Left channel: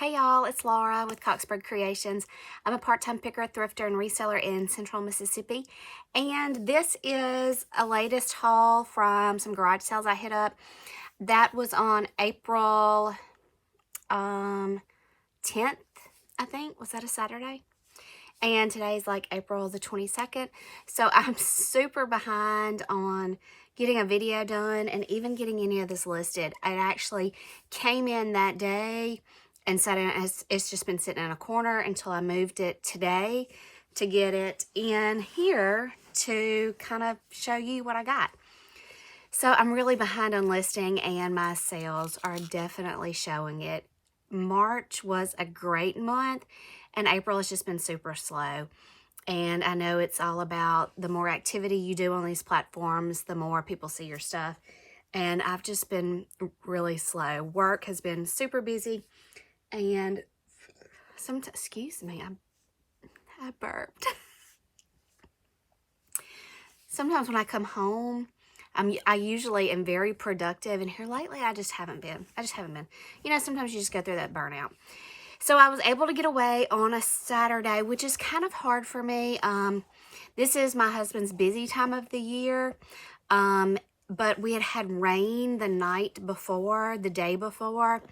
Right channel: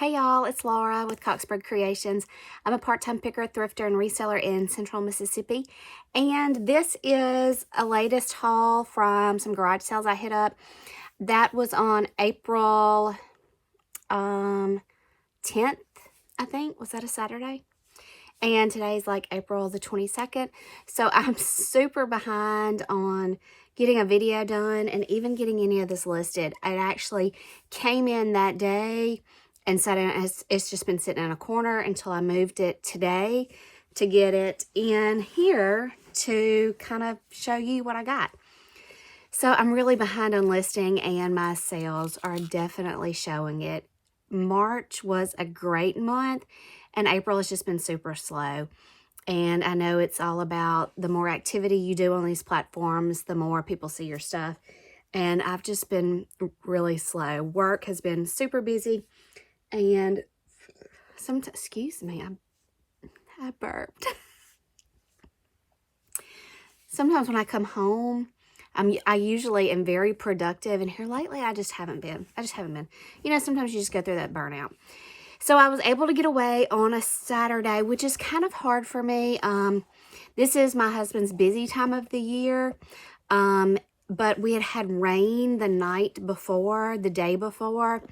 Hey y'all, it's Laura with Coxburg Creations. I'm a part-time picker, thrifter, and reseller in Central Mississippi. And this is a latest haul from some garage sales I hit up. That was on April 10th, I think. Was that a Saturday? And today's like April the 22nd. So I'm super behind on getting a video done and even getting any of this listed. It actually came in that day and it's just been sitting in a corner until I moved it today to get it in here to kind of show you what I got. So I'm really behind on listing and my sales are definitely showing it. March was a great month and April has just been super slow. And I know it's all about the more activity you do on these platforms, the more people see your stuff. And I've just been really slow. Work has been super busy. And excuse me, I burped. Sometimes when I come home, I usually am very productive, and here lately I just haven't been. You know, sometimes you just go through that burnout. So I was able to get away on a Saturday, which is kind of hard for me. This is my husband's busy time of the year. But we had rain the day before.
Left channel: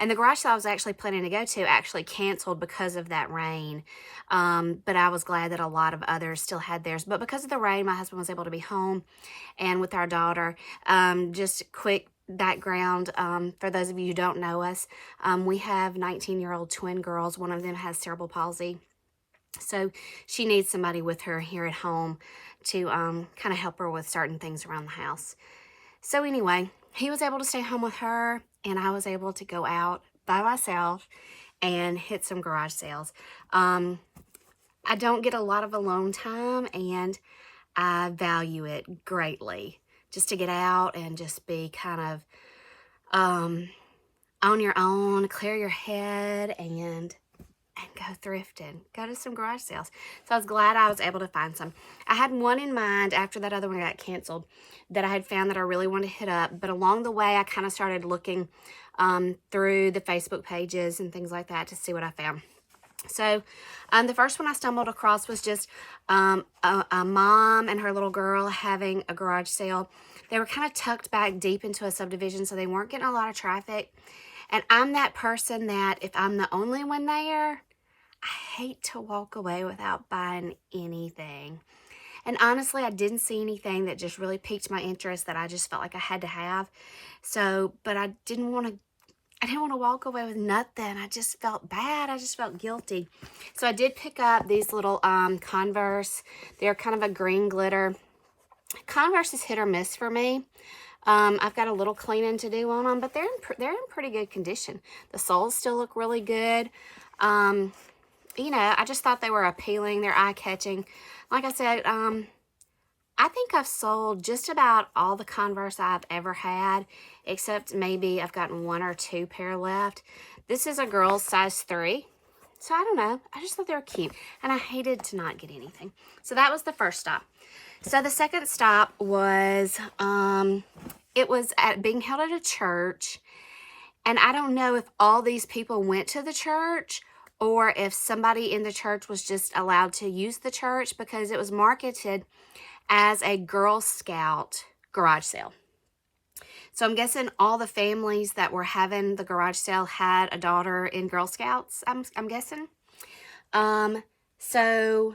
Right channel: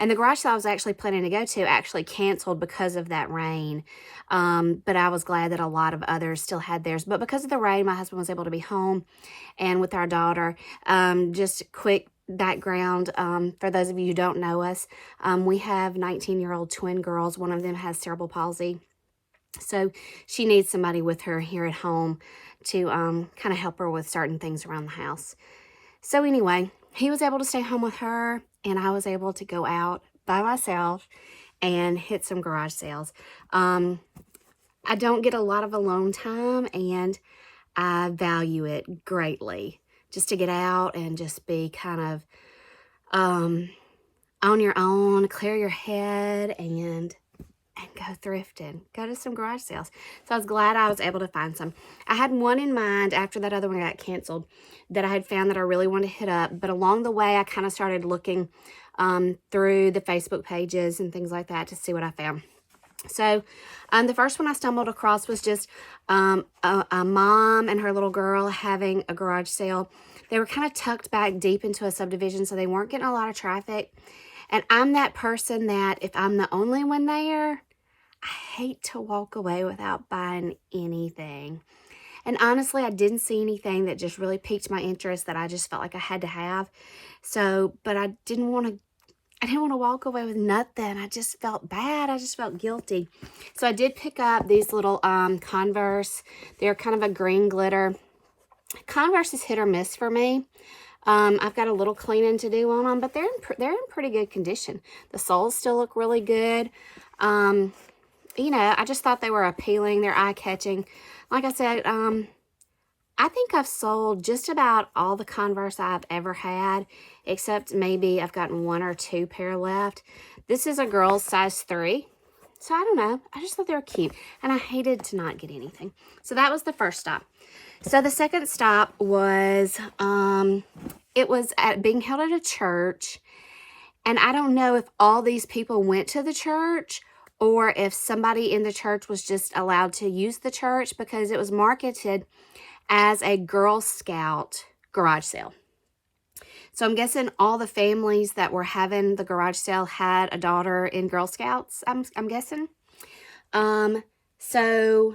And the garage sale I was actually planning to go to actually canceled because of that rain. But I was glad that a lot of others still had theirs. But because of the rain, my husband was able to be home and with our daughter. Just quick background, for those of you who don't know us, we have 19-year-old twin girls. One of them has cerebral palsy. So she needs somebody with her here at home to kind of help her with certain things around the house. So anyway, he was able to stay home with her, and I was able to go out by myself and hit some garage sales. I don't get a lot of alone time, and I value it greatly. Just to get out and just be kind of on your own, clear your head, and go thrifting, go to some garage sales. So I was glad I was able to find some. I had one in mind after that other one got canceled that I had found that I really wanted to hit up. But along the way, I kind of started looking through the Facebook pages and things like that to see what I found. So the first one I stumbled across was just a mom and her little girl having a garage sale. They were kind of tucked back deep into a subdivision, so they weren't getting a lot of traffic. And I'm that person that if I'm the only one there, I hate to walk away without buying anything. And honestly, I didn't see anything that just really piqued my interest that I just felt like I had to have. So, but I didn't want to walk away with nothing. I just felt bad. I just felt guilty. So I did pick up these little Converse. They're kind of a green glitter. Converse is hit or miss for me. I've got a little cleaning to do on them, but they're in pretty good condition. The soles still look really good. You know, I just thought they were appealing. They're eye-catching. Like I said, I think I've sold just about all the Converse I've ever had, except maybe I've gotten 1 or 2 pair left. This is a girl's size 3. So I don't know. I just thought they were cute. And I hated to not get anything. So that was the first stop. So the second stop was, it was being held at a church. And I don't know if all these people went to the church or if somebody in the church was just allowed to use the church, because it was marketed as a Girl Scout garage sale. So I'm guessing all the families that were having the garage sale had a daughter in Girl Scouts, I'm guessing. So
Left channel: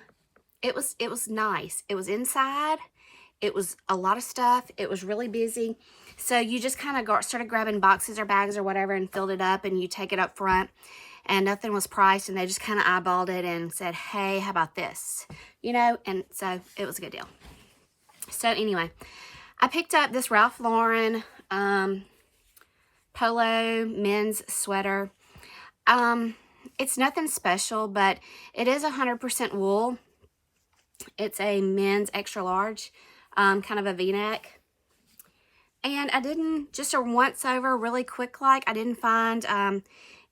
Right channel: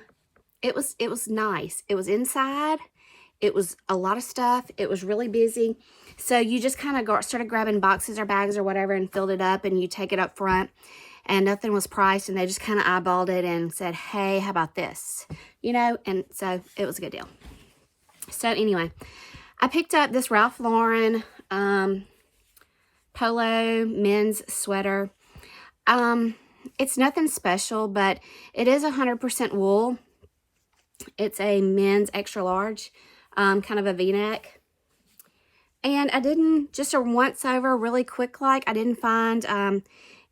it was nice. It was inside. It was a lot of stuff. It was really busy. So you just kind of started grabbing boxes or bags or whatever and filled it up, and you take it up front. And nothing was priced, and they just kind of eyeballed it and said, hey, how about this? You know, and so it was a good deal. So anyway, I picked up this Ralph Lauren Polo men's sweater. It's nothing special, but it is 100% wool. It's a men's extra large, kind of a V-neck. And I didn't, just a once over really quick, like I didn't find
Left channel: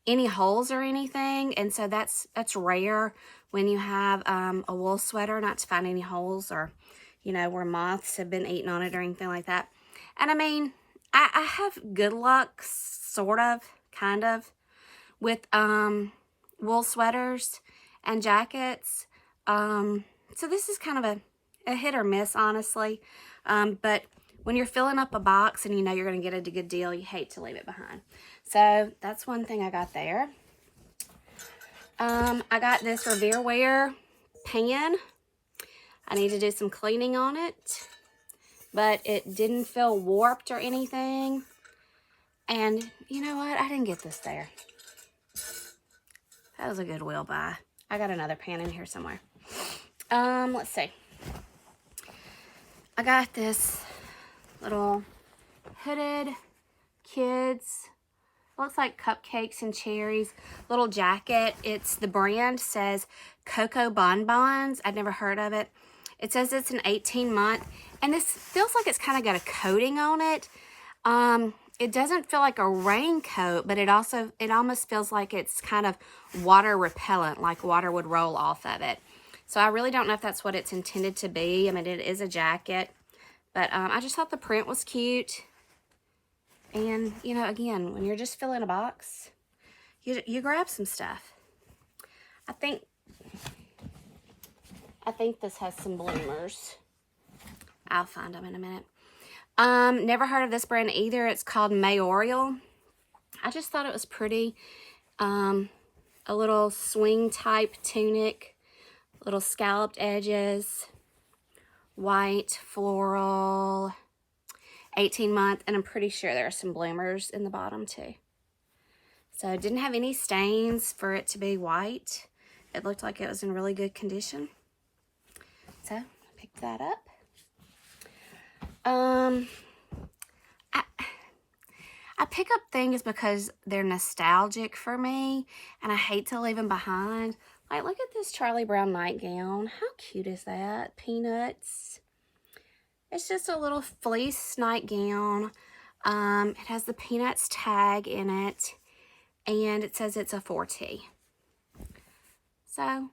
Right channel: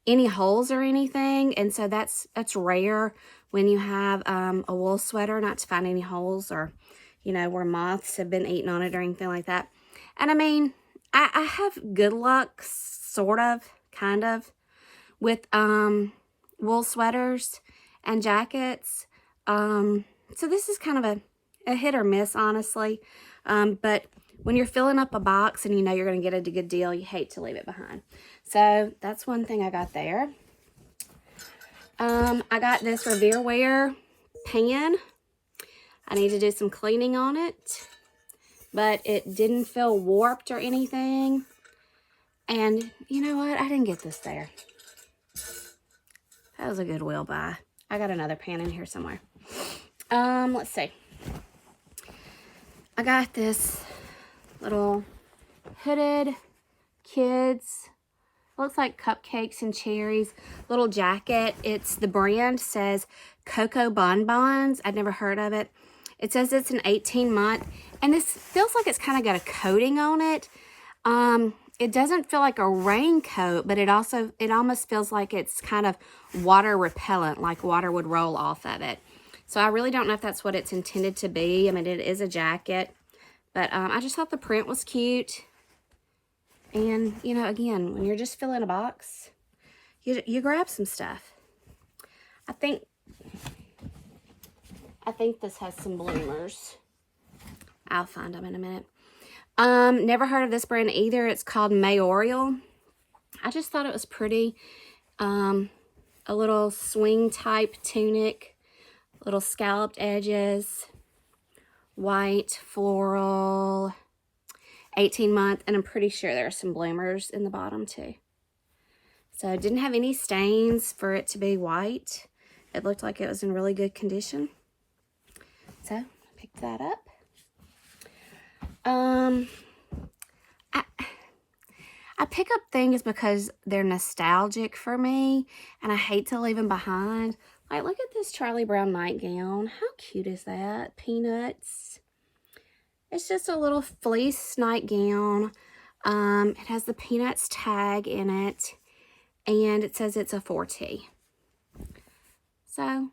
any holes or anything. And so that's rare when you have a wool sweater, not to find any holes or, you know, where moths have been eating on it or anything like that. And I mean, I have good luck, sort of, kind of, with wool sweaters and jackets. So this is kind of a hit or miss, honestly. But when you're filling up a box and you know you're going to get a good deal, you hate to leave it behind. So that's one thing I got there. I got this Revere pan. I need to do some cleaning on it, but it didn't feel warped or anything. And you know what? I didn't get this there. That was a Goodwill buy. I got another pan in here somewhere. Let's see. I got this little hooded kids, looks like cupcakes and cherries, little jacket. It's, the brand says Cocoa Bonbons. I've never heard of it. It says it's an 18-month, and this feels like it's kind of got a coating on it. It doesn't feel like a raincoat, but it almost feels like it's kind of water repellent, like water would roll off of it. So I really don't know if that's what it's intended to be. I mean, it is a jacket, but I just thought the print was cute. And, you know, again, when you're just filling a box, you grab some stuff. I think this has some bloomers. I'll find them in a minute. Never heard of this brand either. It's called Mayoral. I just thought it was pretty. A little swing type tunic, little scalloped edges, white floral, 18-month, and I'm pretty sure there are some bloomers in the bottom too. So it didn't have any stains for it to be white. It looked like it was in really good condition. So I picked that up. I pick up things because they're nostalgic for me, and I hate to leave them behind. Like, look at this Charlie Brown nightgown. How cute is that? Peanuts. It's just a little fleece nightgown. It has the Peanuts tag in it, and it says it's a 4T. So,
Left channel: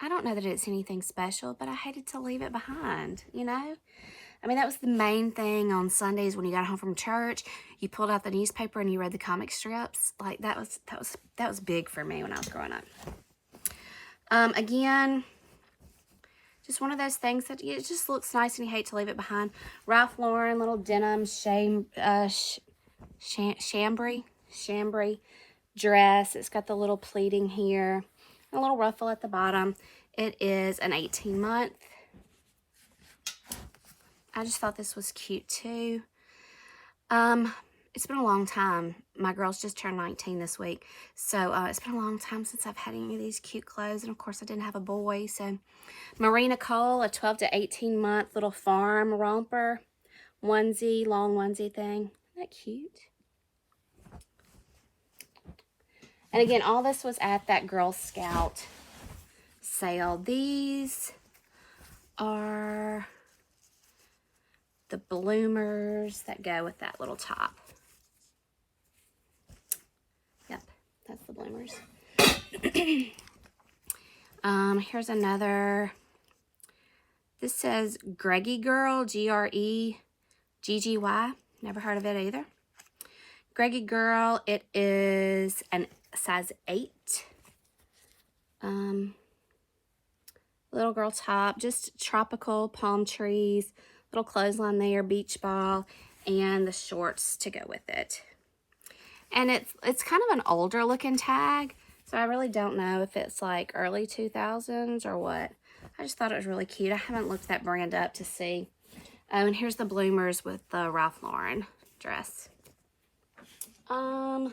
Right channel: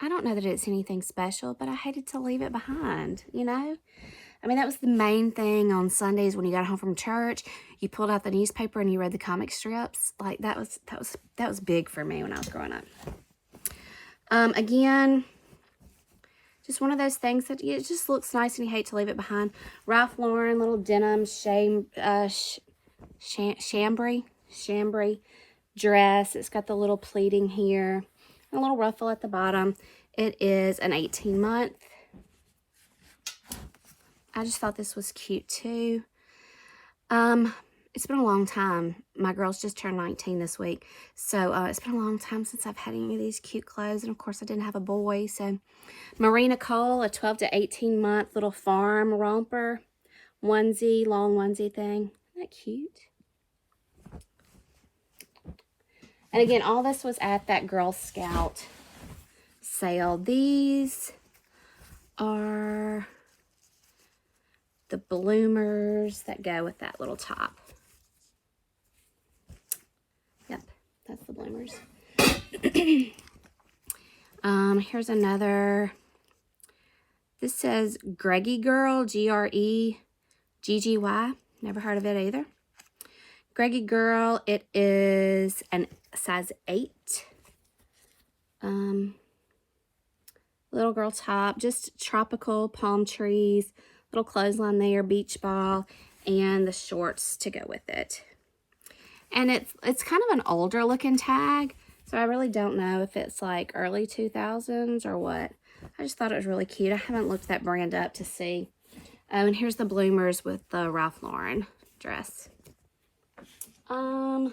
I don't know that it's anything special, but I hated to leave it behind, you know? I mean, that was the main thing on Sundays when you got home from church. You pulled out the newspaper and you read the comic strips. Like, that was big for me when I was growing up. Again, just one of those things that it just looks nice and you hate to leave it behind. Ralph Lauren, little denim chambray dress. It's got the little pleating here, a little ruffle at the bottom. It is an 18-month. I just thought this was cute too. It's been a long time. My girls just turned 19 this week. So it's been a long time since I've had any of these cute clothes. And of course I didn't have a boy. So Marina Cole, a 12 to 18-month little farm romper onesie, long onesie thing. Isn't that cute? And again, all this was at that Girl Scout sale. These are the bloomers that go with that little top. Yep, that's the bloomers. Here's another. This says Greggy Girl, Greggy. Never heard of it either. Greggy Girl, it is a size 8. Little girl top, just tropical palm trees, little clothesline there, beach ball, and the shorts to go with it. And it's kind of an older looking tag, so I really don't know if it's like early 2000s or what. I just thought it was really cute. I haven't looked that brand up to see. And here's the bloomers with the Ralph Lauren dress. I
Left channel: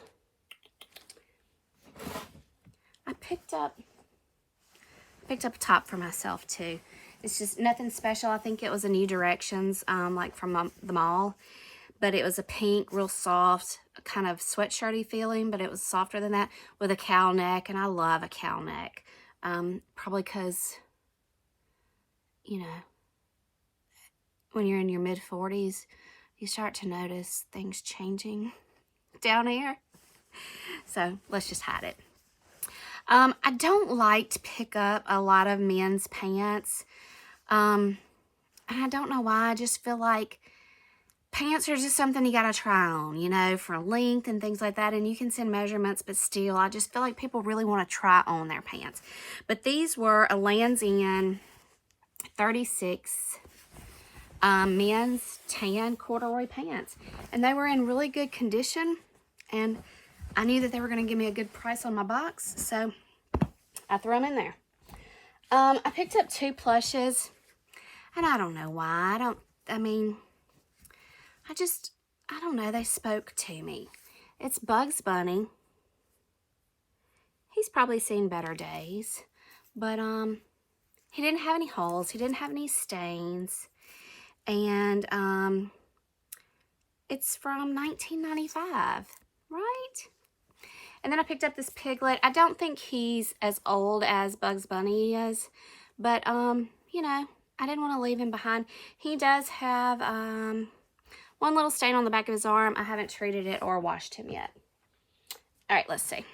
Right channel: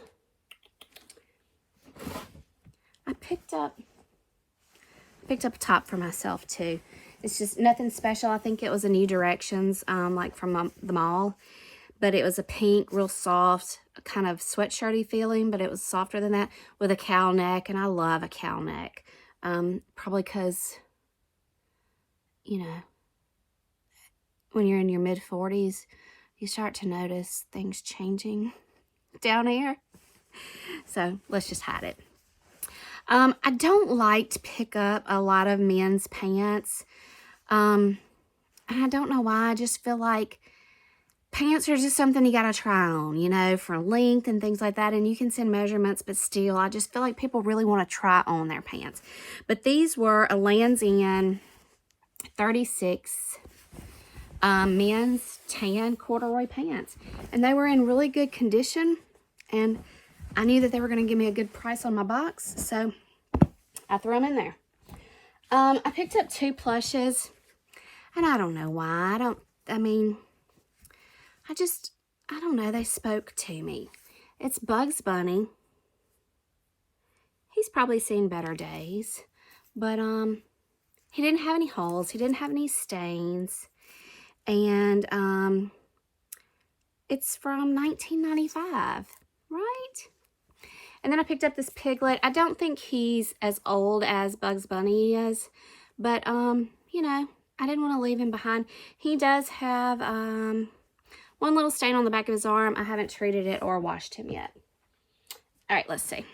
picked up a top for myself too. It's just nothing special. I think it was a New Directions, like from the mall. But it was a pink, real soft, kind of sweatshirty feeling, but it was softer than that with a cowl neck, and I love a cowl neck. Probably because, you know, when you're in your mid-40s, you start to notice things changing down here. So let's just hide it. I don't like to pick up a lot of men's pants. And I don't know why. I just feel like pants are just something you gotta try on, you know, for length and things like that. And you can send measurements, but still, I just feel like people really want to try on their pants. But these were a Lands' End 36 men's tan corduroy pants. And they were in really good condition. And I knew that they were going to give me a good price on my box. So I threw them in there. I picked up 2 plushes. And I don't know why. I don't know. They spoke to me. It's Bugs Bunny. He's probably seen better days. But, he didn't have any holes. He didn't have any stains. And, it's from 1995, right? And then I picked up this Piglet. I don't think he's as old as Bugs Bunny is. But, you know, I didn't want to leave him behind. He does have, one little stain on the back of his arm. I haven't treated it or washed him yet. All right, let's see.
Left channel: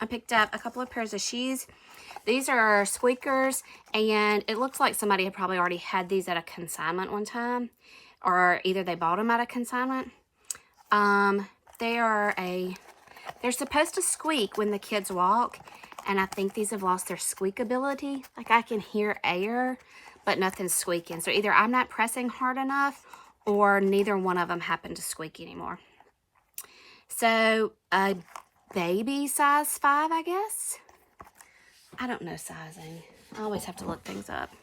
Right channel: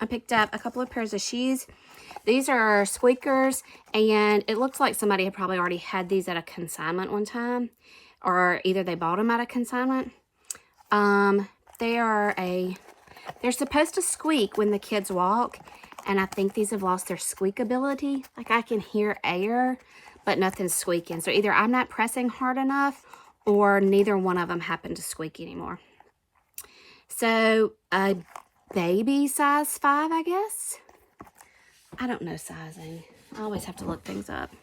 I picked up a couple of pairs of shoes. These are Squeakers, and it looks like somebody had probably already had these at a consignment one time, or either they bought them at a consignment. They're supposed to squeak when the kids walk, and I think these have lost their squeak ability. Like, I can hear air, but nothing's squeaking. So either I'm not pressing hard enough, or neither one of them happen to squeak anymore. So, a baby size 5, I guess. I don't know sizing. I always have to look things up.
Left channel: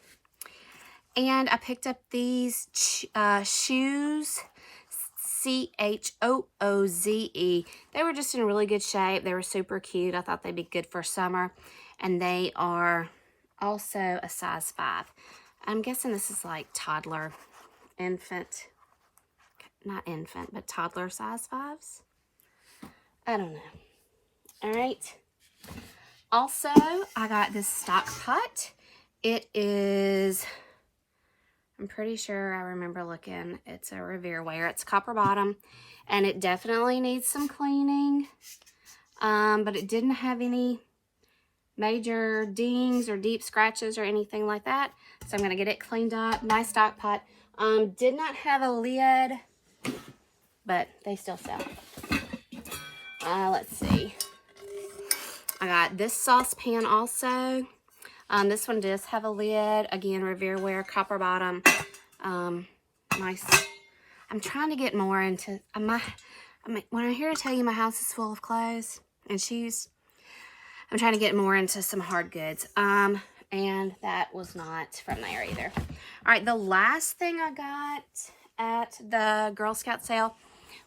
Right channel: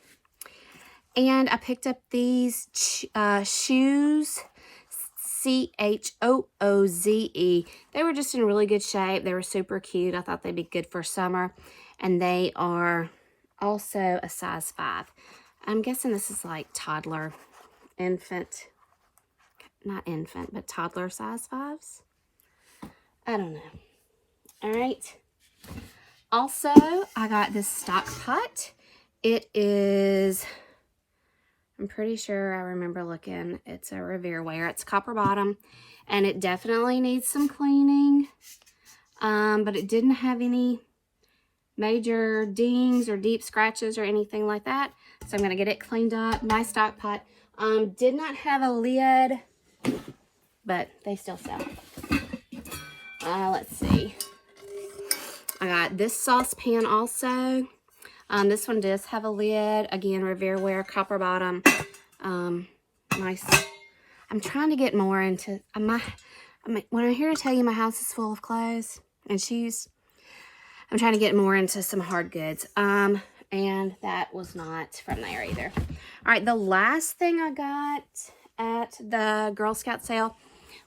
And I picked up these shoes, Chooze. They were just in really good shape. They were super cute. I thought they'd be good for summer. And they are also a size 5. I'm guessing this is like toddler, infant. Not infant, but toddler size 5s. I don't know. All right. Also, I got this stock pot. It is, I'm pretty sure I remember looking. It's a Revere wear. It's copper bottom, and it definitely needs some cleaning. But it didn't have any major dings or deep scratches or anything like that. So I'm going to get it cleaned up. Nice stock pot. Did not have a lid, but they still sell. Let's see. I got this saucepan also. This one does have a lid. Again, Revere wear, copper bottom. Nice. I'm trying to get more into, when I'm here to tell you my house is full of clothes and shoes, I'm trying to get more into some hard goods. And that was not from there either. All right, the last thing I got at the Girl Scout sale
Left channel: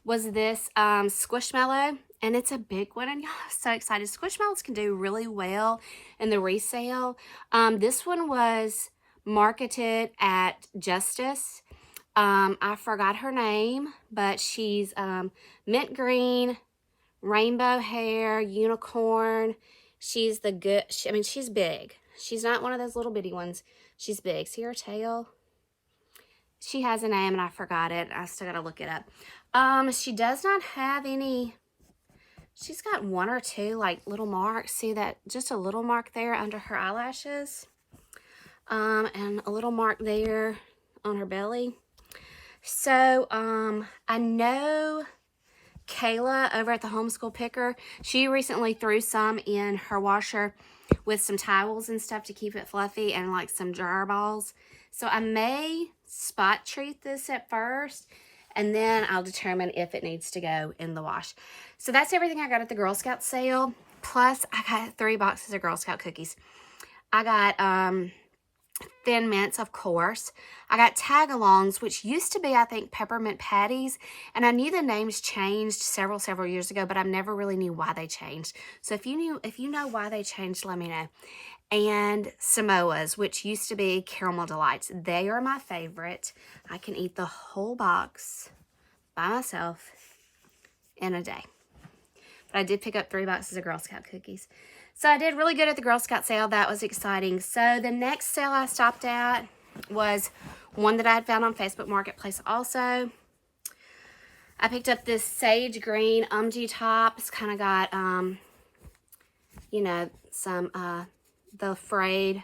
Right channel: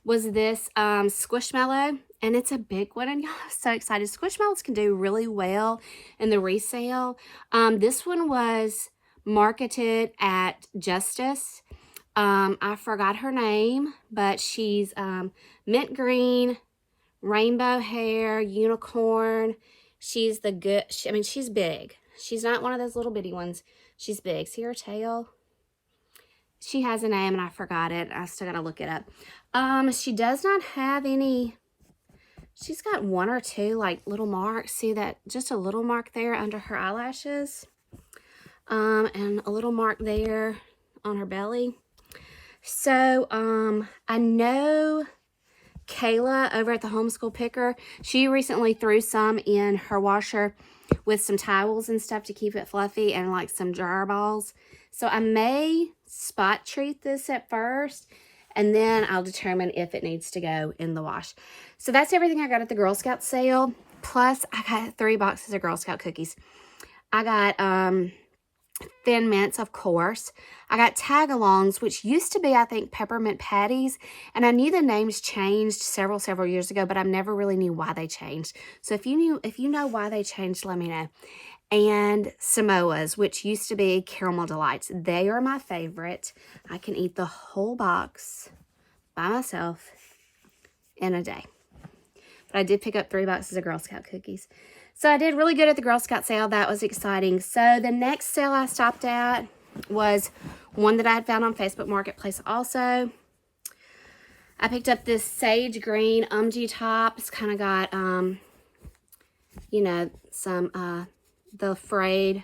was this Squishmallow, and it's a big one, and y'all are so excited. Squishmallows can do really well in the resale. This one was marketed at Justice. I forgot her name, but she's mint green, rainbow hair, unicorn. She's the good, she's big. She's not one of those little bitty ones. She's big. See her tail? She has a name, and I forgot it. I still got to look it up. She does not have any, she's got 1 or 2, like, little marks. See that? Just a little mark there under her eyelashes. And a little mark there on her belly. So, I know Kayla over at the Homeschool Picker, she recently threw some in her washer with some towels and stuff to keep it fluffy and like some dryer balls. So I may spot treat this at first, and then I'll determine if it needs to go in the wash. So that's everything I got at the Girl Scout sale. Plus, I got 3 boxes of Girl Scout cookies. I got Thin Mints, of course. I got tag-alongs, which used to be, I think, peppermint patties. And I knew the names changed several years ago, but I never really knew why they changed. So if you know why they changed, let me know. And Samoas, which used to be Caramel Delights. They are my favorite. I can eat the whole box by myself in a day. But I did pick up 3 boxes of Girl Scout cookies. So I did really good at the Girl Scout sale. That was exciting. So the next sale I stopped at was one that I had found on Facebook Marketplace also. I picked up this sage green top. It's kind of got, you know, some, the frayed,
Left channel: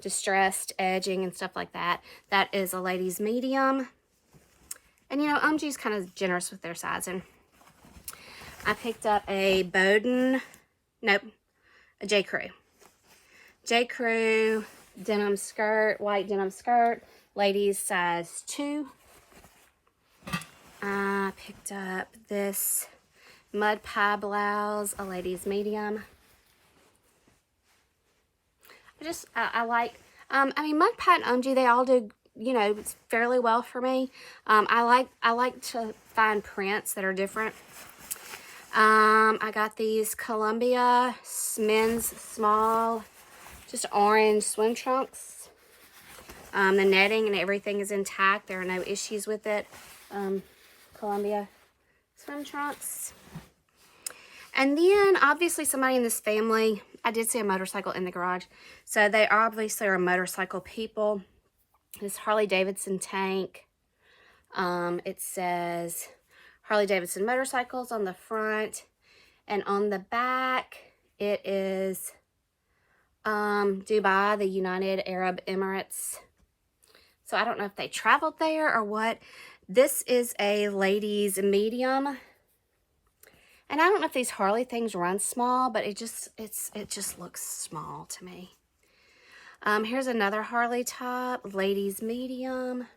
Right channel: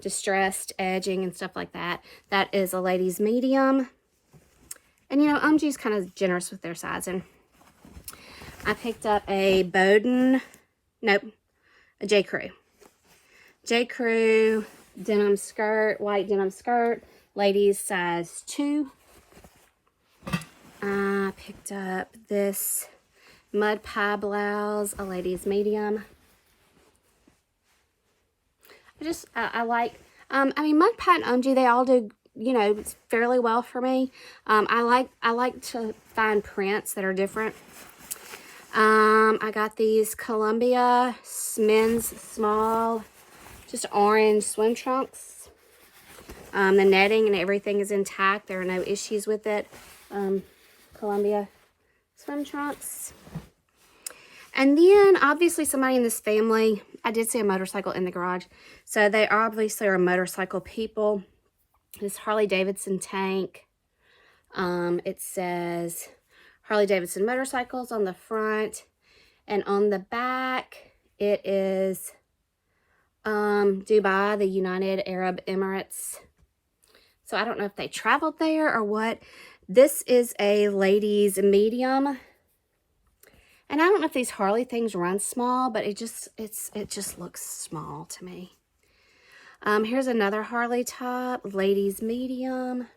distressed edging and stuff like that. That is a ladies medium. And, you know, OMG's kind of generous with their sizing. I picked up a Bowden, nope, a J. Crew. J. Crew denim skirt, white denim skirt, ladies size 2. I picked up this mud pie blouse, a ladies medium. I like, I mean, mud pie and OMG, they all do, you know, fairly well for me. I like to find prints that are different. I got these Columbia men's small, just orange swim trunks. The netting and everything is intact. There are no issues with it. Columbia swim trunks. And then, obviously, somebody in this family, I did see a motorcycle in the garage. So, they obviously are motorcycle people. This Harley-Davidson Tank. It says Harley-Davidson motorcycles on the front. And on the back, it is Dubai, the United Arab Emirates. So, I don't know if they traveled there or what. This is a ladies medium. And I don't know if these Harley things run small, but it just looks small to me. Here's another Harley top, ladies medium.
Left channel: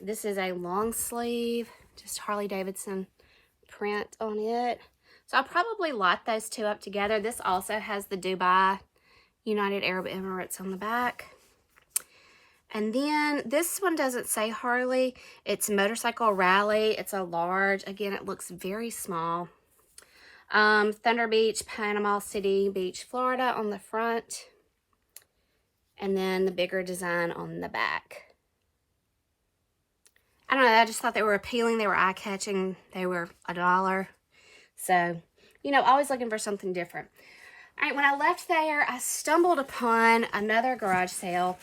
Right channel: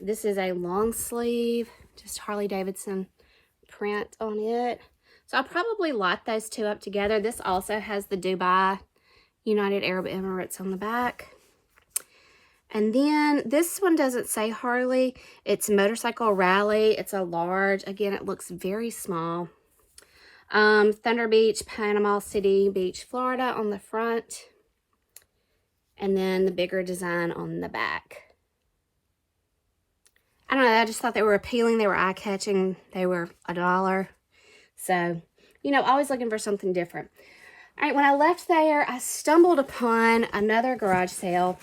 This is a long sleeve, just Harley-Davidson print on it. So I'll probably lot those two up together. This also has the Dubai United Arab Emirates on the back. And then this one doesn't say Harley. It's Motorcycle Rally. It's a large. Again, it looks very small. Thunder Beach, Panama City Beach, Florida on the front. And then the bigger design on the back. I don't know. I just thought they were appealing. They were eye-catching. They were $1. So, you know, always looking for something different. All right, when I left there, I stumbled upon another garage sale.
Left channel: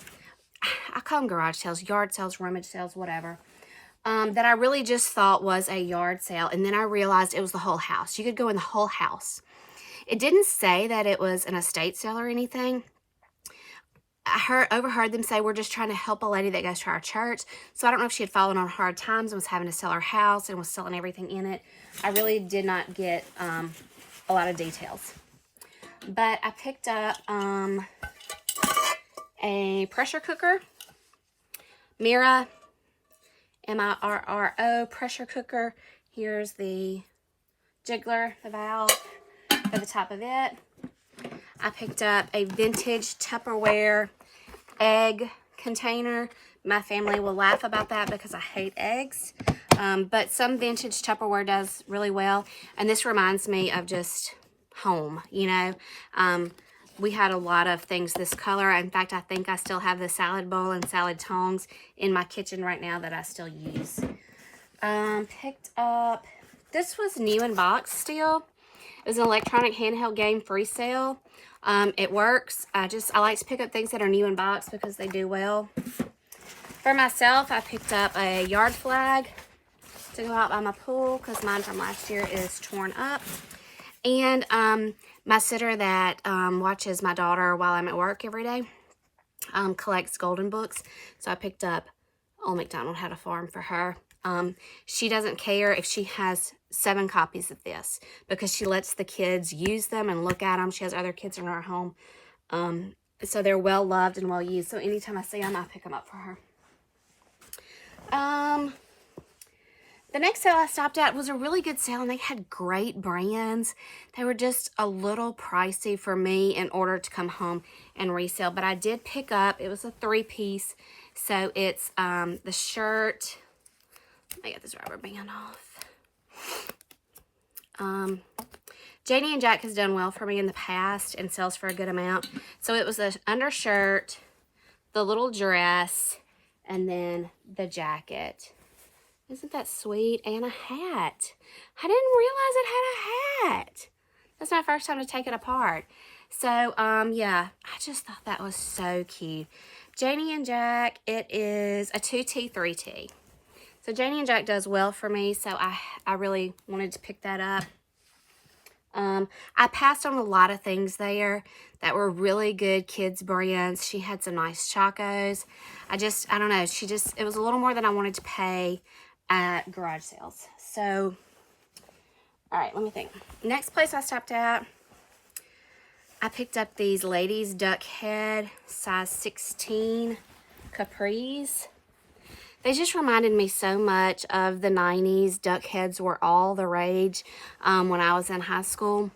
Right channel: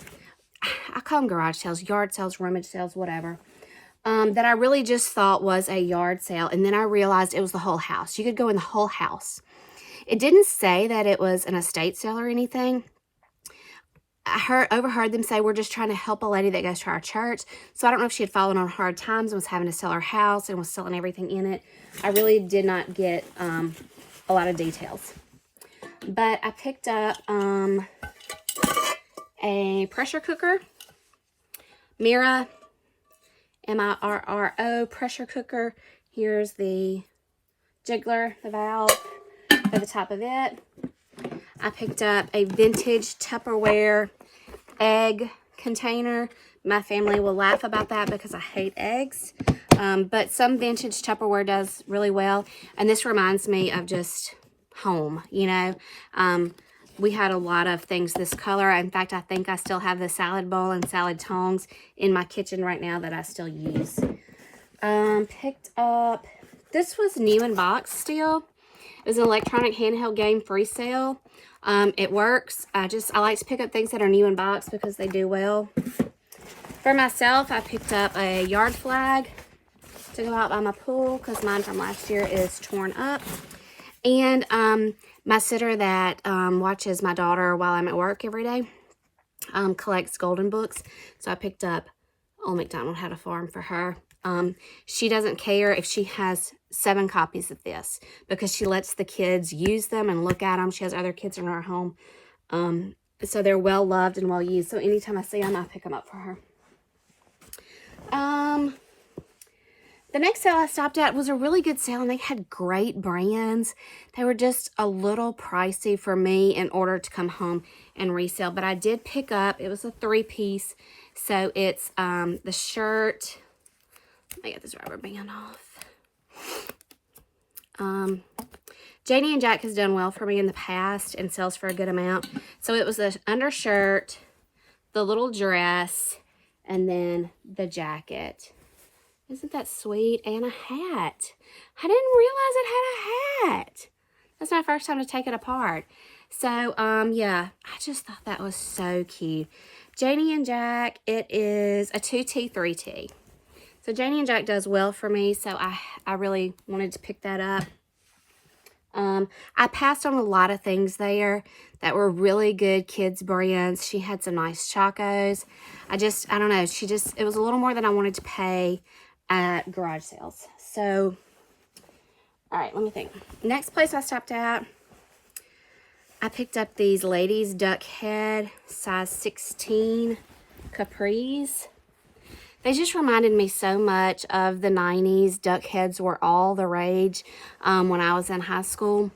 I call them garage sales, yard sales, rummage sales, whatever, that I really just thought was a yard sale. And then I realized it was the whole house. You could go in the whole house. It didn't say that it was an estate sale or anything. I overheard them say, we're just trying to help a lady that goes to our church. So I don't know if she had fallen on hard times and was having to sell her house and was selling everything in it. I really did not get a lot of details. But I picked up a pressure cooker, Mira, M-I-R-R-O pressure cooker. Here's the jiggler, the valve for the top of it. I picked up a vintage Tupperware egg container. My family will laugh about that because I hate eggs. But some vintage Tupperware does really well. And this reminds me of just home, you know. We had a lot of things this color. In fact, I think I still have the salad bowl and salad tongs in my kitchen right now that I still use. Picked up, this was new in box still. It was an electronic handheld game free sale. It works. I like to pick up things that are new in box because they do well. For myself, I picked up a yard flag to go out by my pool because mine from last year is torn up. And my sitter that watches my daughter while I'm at work every day collects golden books. So I picked up Old MacDonald Had a Farm for her. She doesn't care if she has 7 copies of this because she lets the kids use them and look at them. She has other kids in her home. So they're well loved and well used. So anytime I see them, I pick them up for her. The next sale I stopped at was a really good sale, and they had great brands. They were just a little pricey for me in order to come home and resell. But I did pick up, it was a 3-piece. So it's the shirt. Let me get this rubber band off. Janie and Jack has done well for me in the past and sells for a good amount. So it was the undershirt, the little dress, and then the jacket. Isn't that sweet? And a hat. I didn't realize it had a hat. That's my first time to take it apart. So, yeah, I just thought that was so cute. Janie and Jack, it is a 2T, 3T. So Janie and Jack does well for me, so I really wanted to pick that up. I passed on a lot of things there that were really good kids brands. She had some nice Chacos. I don't know. It was a little more than I wanted to pay at garage sales. So, all right, let me think. Next place I stopped at, I picked up these ladies duck head size 16 capris. They just reminded me so much of the 90s. Duck heads were all the rage when I was in high school.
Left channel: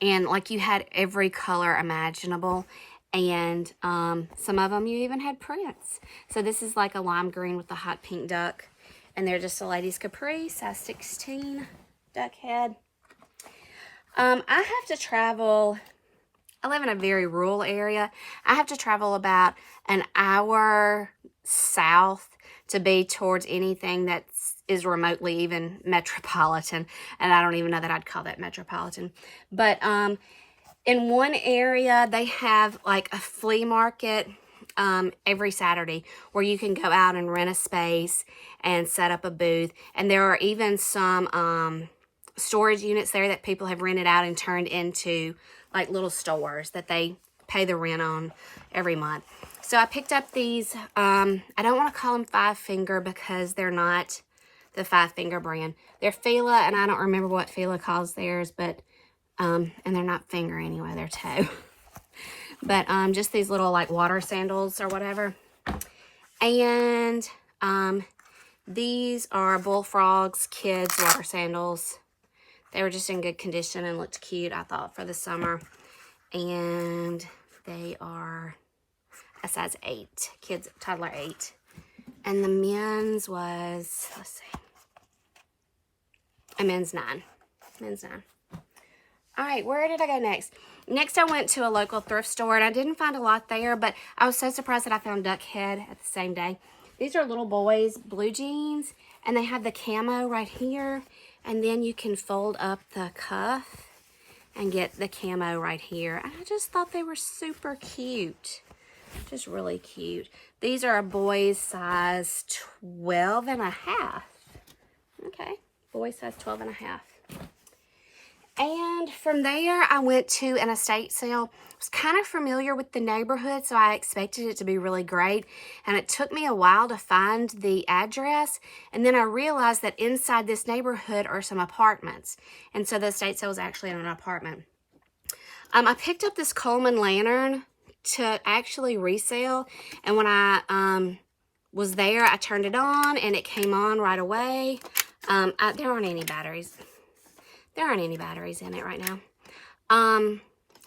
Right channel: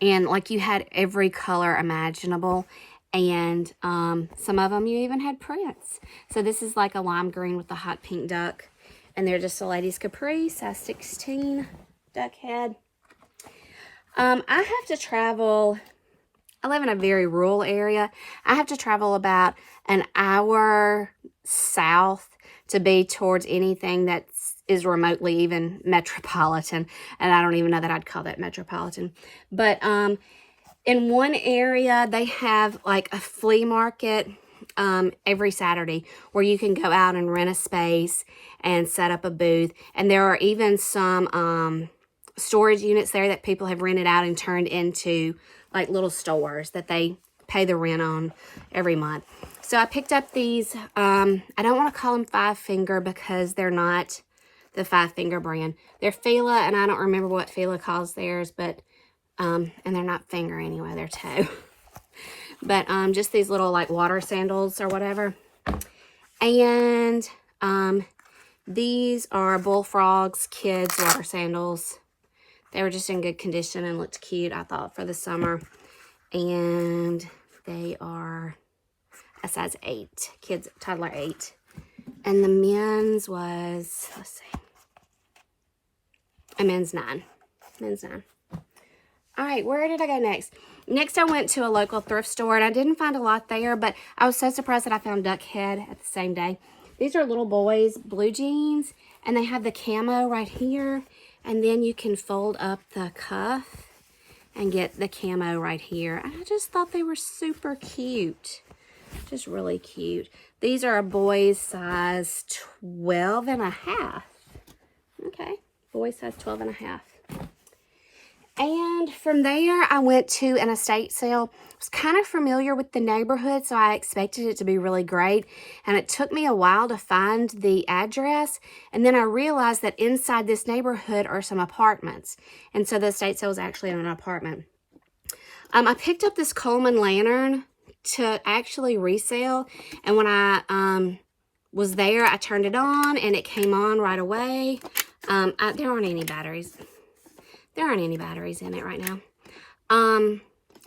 And like you had every color imaginable. And some of them you even had prints. So this is like a lime green with a hot pink duck. And they're just a ladies capri, size 16 duck head. I have to travel. I live in a very rural area. I have to travel about an hour south to be towards anything that is remotely even metropolitan. And I don't even know that I'd call that metropolitan. But in one area, they have like a flea market every Saturday where you can go out and rent a space and set up a booth. And there are even some storage units there that people have rented out and turned into like little stores that they pay the rent on every month. So I picked up these, I don't want to call them 5 Finger because they're not the 5 Finger brand. They're Fila, and I don't remember what Fila calls theirs, but, and they're not finger anyway, they're toe. But just these little like water sandals or whatever. And these are Bullfrogs Kids water sandals. They were just in good condition and looked cute, I thought, for the summer. And they are a size 8, kids, toddler 8. And the men's was, let's see, a men's 9. Men's 9. All right, where did I go next? Next, I went to a local thrift store, and I didn't find a lot there, but I was so surprised that I found duck head at the same day. These are little boys' blue jeans, and they have the camo right here, and then you can fold up the cuff and get the camo right here. And I just thought they were super cute. Just really cute. These are a boy's size 12 and a half. Okay, boy's size 12 and a half. And from there, I went to an estate sale. I was kind of familiar with the neighborhood, so I expected it to be really great. And it took me a while to find the address. And then I realized that inside this neighborhood are some apartments. And so the estate sale was actually in an apartment. I picked up this Coleman Lantern to actually resell. And when I was there, I turned it on, and it came on right away. There aren't any batteries. There aren't any batteries in it right now.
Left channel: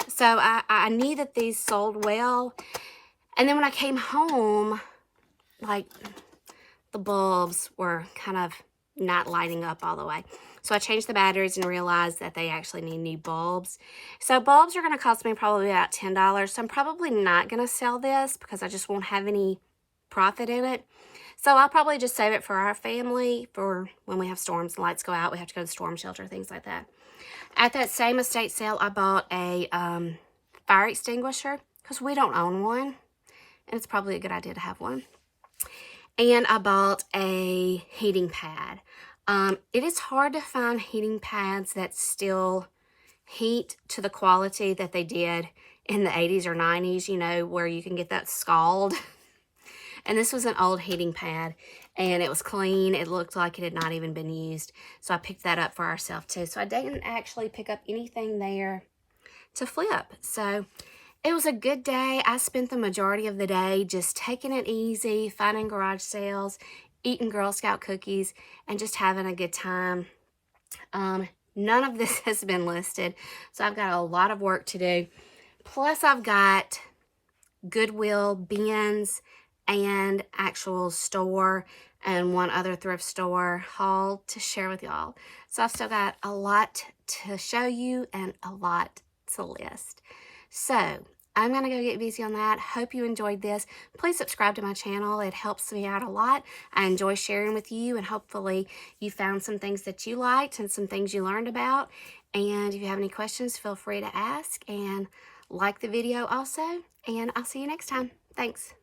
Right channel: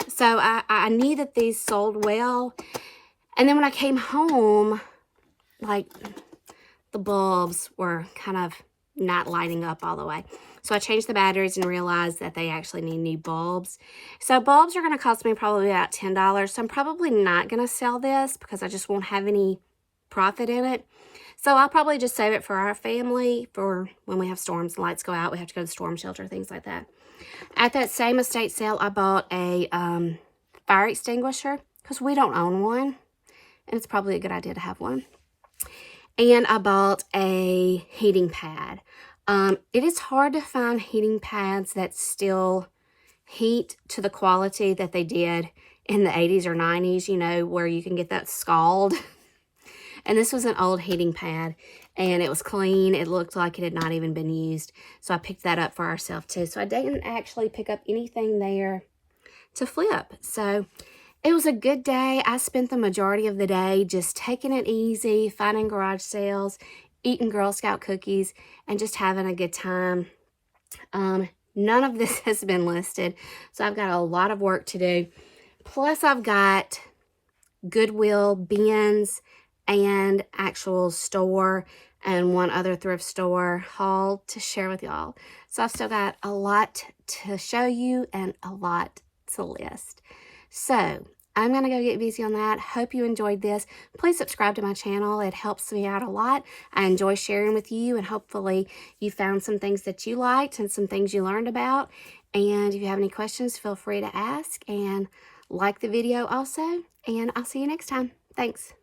So I knew that these sold well. And then when I came home, like, the bulbs were kind of not lighting up all the way. So I changed the batteries and realized that they actually need new bulbs. So bulbs are going to cost me probably about $10. So I'm probably not going to sell this because I just won't have any profit in it. So I'll probably just save it for our family for when we have storms and lights go out. We have to go to the storm shelter, things like that. At that same estate sale, I bought a fire extinguisher because we don't own one. And it's probably a good idea to have one. And I bought a heating pad. It is hard to find heating pads that still heat to the quality that they did in the 80s or 90s, you know, where you can get that scald. And this was an old heating pad, and it was clean. It looked like it had not even been used. So I picked that up for ourselves too. So I didn't actually pick up anything there to flip. So it was a good day. I spent the majority of the day just taking it easy, finding garage sales, eating Girl Scout cookies, and just having a good time. None of this has been listed, so I've got a lot of work to do. Plus, I've got Goodwill bins and actual store and one other thrift store haul to share with y'all. So I've still got a lot to show you and a lot to list. So I'm going to go get busy on that. Hope you enjoyed this. Please subscribe to my channel. It helps me out a lot. I enjoy sharing with you, and hopefully you found some things that you liked and some things you learned about. And if you have any questions, feel free to ask, and like the video also. And I'll see you next time. Thanks.